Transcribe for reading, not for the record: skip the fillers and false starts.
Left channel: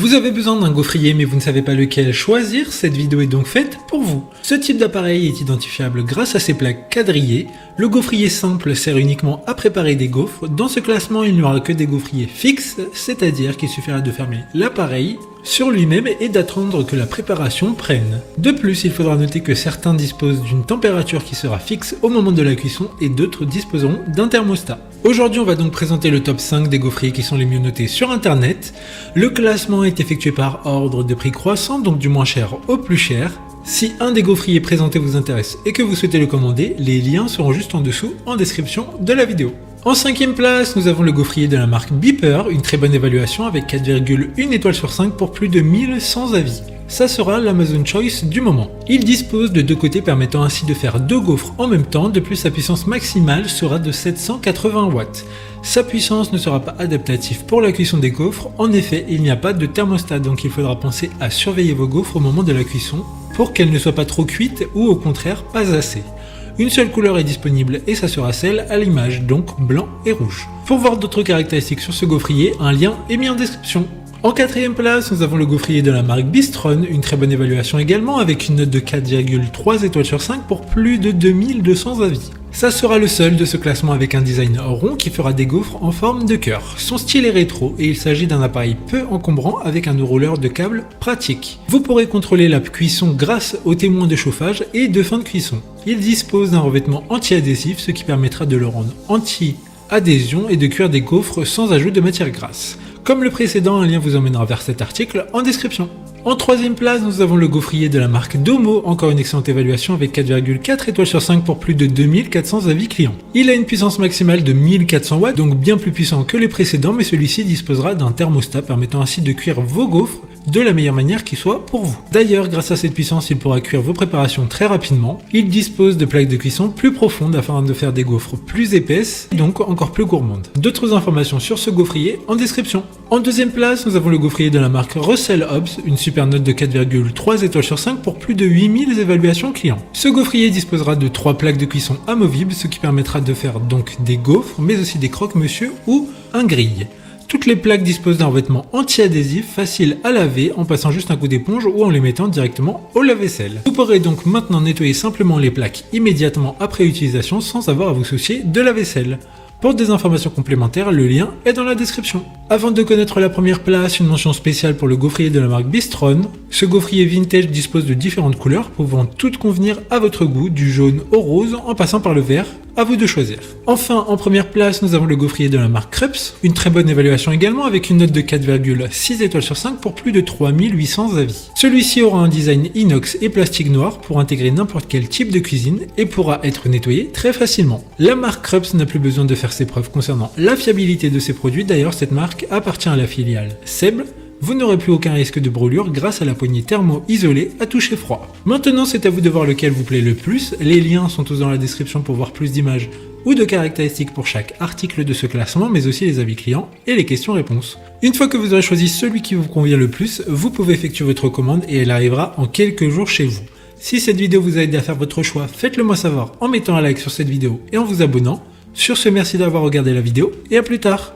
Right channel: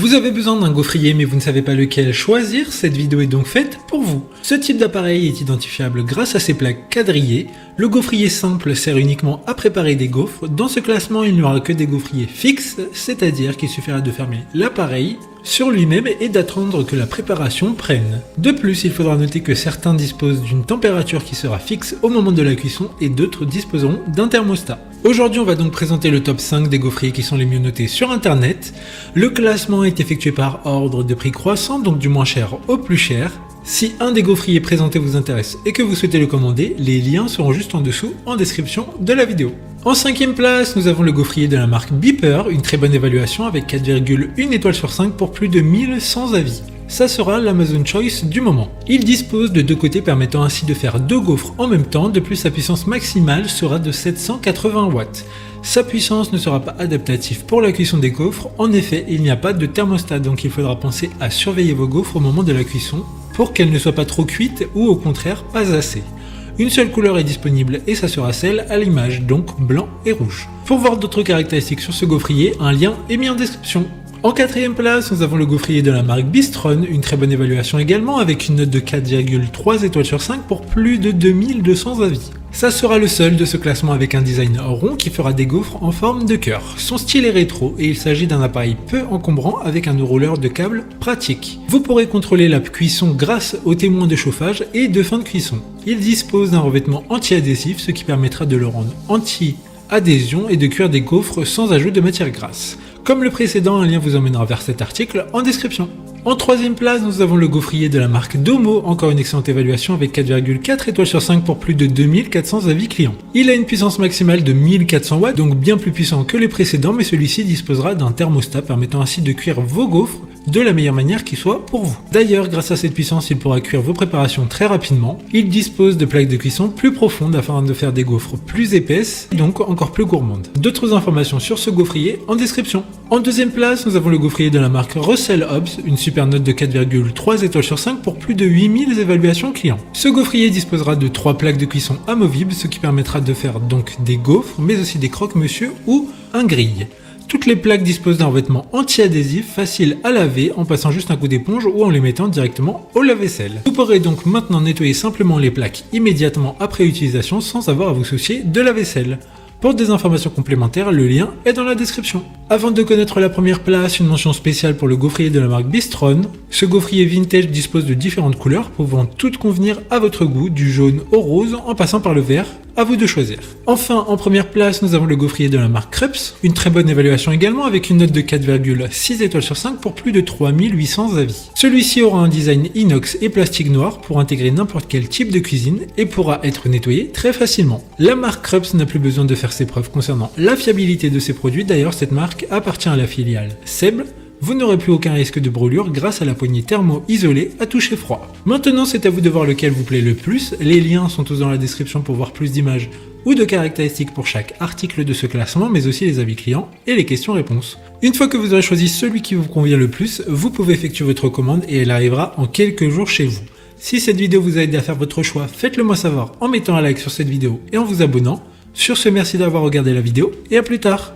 Vous avez besoin d'un gaufrier mais vous ne savez pas lequel choisir, cette vidéo est donc faite pour vous. Ce type d'appareil est identifiable grâce à ses plaques quadrillées. Le gaufrier simple sert uniquement à préparer des gaufres. Dans ce classement, il n'y aura que des gaufriers fixes, c'est-à-dire qu'il suffira de fermer l'appareil sur lui-même et d'attendre que la préparation prenne. De plus, il faudra noter que certains disposent d'une température qui sera fixe au moment de la cuisson et d'autres disposeront d'un thermostat. Aujourd'hui, on va donc présenter le top 5 des gaufriers qui sont les mieux notés sur internet. Le classement est effectué par ordre de prix croissant, donc du moins cher au plus cher. Si un des gaufriers présentés vous intéresse et que vous souhaitez le commander, les liens seront juste en dessous en description de la vidéo. En 5e place, nous avons le gaufrier de la marque Beeper, une très bonne évaluation avec 4,1 étoiles sur 5 pour plus de 1100 avis. Ça sera l'Amazon Choice du moment. Il dispose de deux côtés permettant ainsi de faire deux gaufres en même temps. De plus, sa puissance maximale sera de 780 watts. Sa puissance ne sera pas adaptative pour la cuisson des gaufres. En effet, il n'y a pas de thermostat, donc il faudra penser à surveiller vos gaufres au moment de la cuisson pour qu'elles ne soient pas trop cuites ou au contraire pas assez. Une seule couleur est disponible et ça sera celle à l'image, donc blanc et rouge. Pour voir d'autres caractéristiques sur ce gaufrier, un lien est mis en description. En 4e place, nous avons le gaufrier de la marque Bistron, une très bonne évaluation également avec une note de 4,3 étoiles sur 5 pour plus de 2200 avis. Ça sera le seul de ce classement avec un design rond qui fera des gaufres en forme de cœur. Son style est rétro et il s'agit d'un appareil peu encombrant avec un enrouleur de câbles pratique. Vous pourrez contrôler la cuisson grâce aux témoins de chauffage et de fin de cuisson. Il dispose d'un revêtement anti-adhésif, ce qui permettra de le rendre anti-adhésion et de cuire des gaufres sans ajout de matière grasse. Comme le précédent, un lien vous emmènera vers cet article en description. En 3e place, nous avons le gaufrier de la marque Domo, encore une excellente évaluation avec 4,4 étoiles sur 5 pour plus de 2400 avis clients. Il a une puissance maximale de 1400 watts, donc bien plus puissant que les précédents, mais celui-ci disposera d'un thermostat permettant ainsi de cuire vos gaufres de la meilleure manière qui soit pour vous. D'ailleurs, grâce à cette puissance, il pourra cuire vos préparations très rapidement. Il dispose de plaques de cuisson plus profondes afin de faire des gaufres plus épaisses, donc encore plus gourmandes. D'autres informations sur ce gaufrier en description. En 2e place, nous avons le gaufrier de la marque Russell Hobbs, une super note de 4,3 étoiles sur 5 pour plus de 8000 évaluations clients. Ce gaufrier disposera de 3 plaques de cuisson amovibles, ce qui permettra de faire donc des gaufres, mais aussi des croque-monsieur ou un grille. Toutes les plaques disposent d'un vêtement anti-adhésif facile à laver en passant juste un coup d'éponge ou en les mettant directement au lave-vaisselle. Vous pourrez donc maintenant nettoyer simplement les plaques immédiatement après utilisation sans avoir à vous soucier de la vaisselle. Pour des informations complémentaires, le lien est dans la description. Avant de connaître la première place, une mention spéciale pour le gaufrier de la marque Bistron. Ce gaufrier vintage dispose de différentes couleurs pouvant toutes convenir à votre goût, du jaune au rose en passant par le vert. À vous de choisir. Enfin, en première place, nous avons le gaufrier de la marque Krups. Une très bonne évaluation également avec une note de 4,6 étoiles sur 5 pour plus de 3800 avis. Celui-ci aura un design inox et plastique noir pour intégrer n'importe quel type de cuisine et pourra être nettoyé très facilement. La marque Krups n'a plus besoin de faire ses preuves concernant la fiabilité de ses produits. D'ailleurs, cette marque appartient à la filiale Seb. Vous n'aurez plus aucun risque de brûlure grâce à la poignée thermo-isolée à toucher froid. Maintenant, c'est à vous de voir lequel vous plaît le plus. Les liens sont tous dans la description pour voir plus d'images ou de caractéristiques pour chaque article de ce classement, mais aussi les avis clients et les questions-réponses. Une fois que vous aurez choisi celui qui vous convient le plus, vous pouvez effectuer votre commande et elle arrivera en quelques jours chez vous. Si cette vidéo vous a aidé à faire votre choix, faites-le moi savoir en mettant un like sur cette vidéo et en vous abonnant. Sur ce, merci d'avoir regardé la vidéo et à plus tard.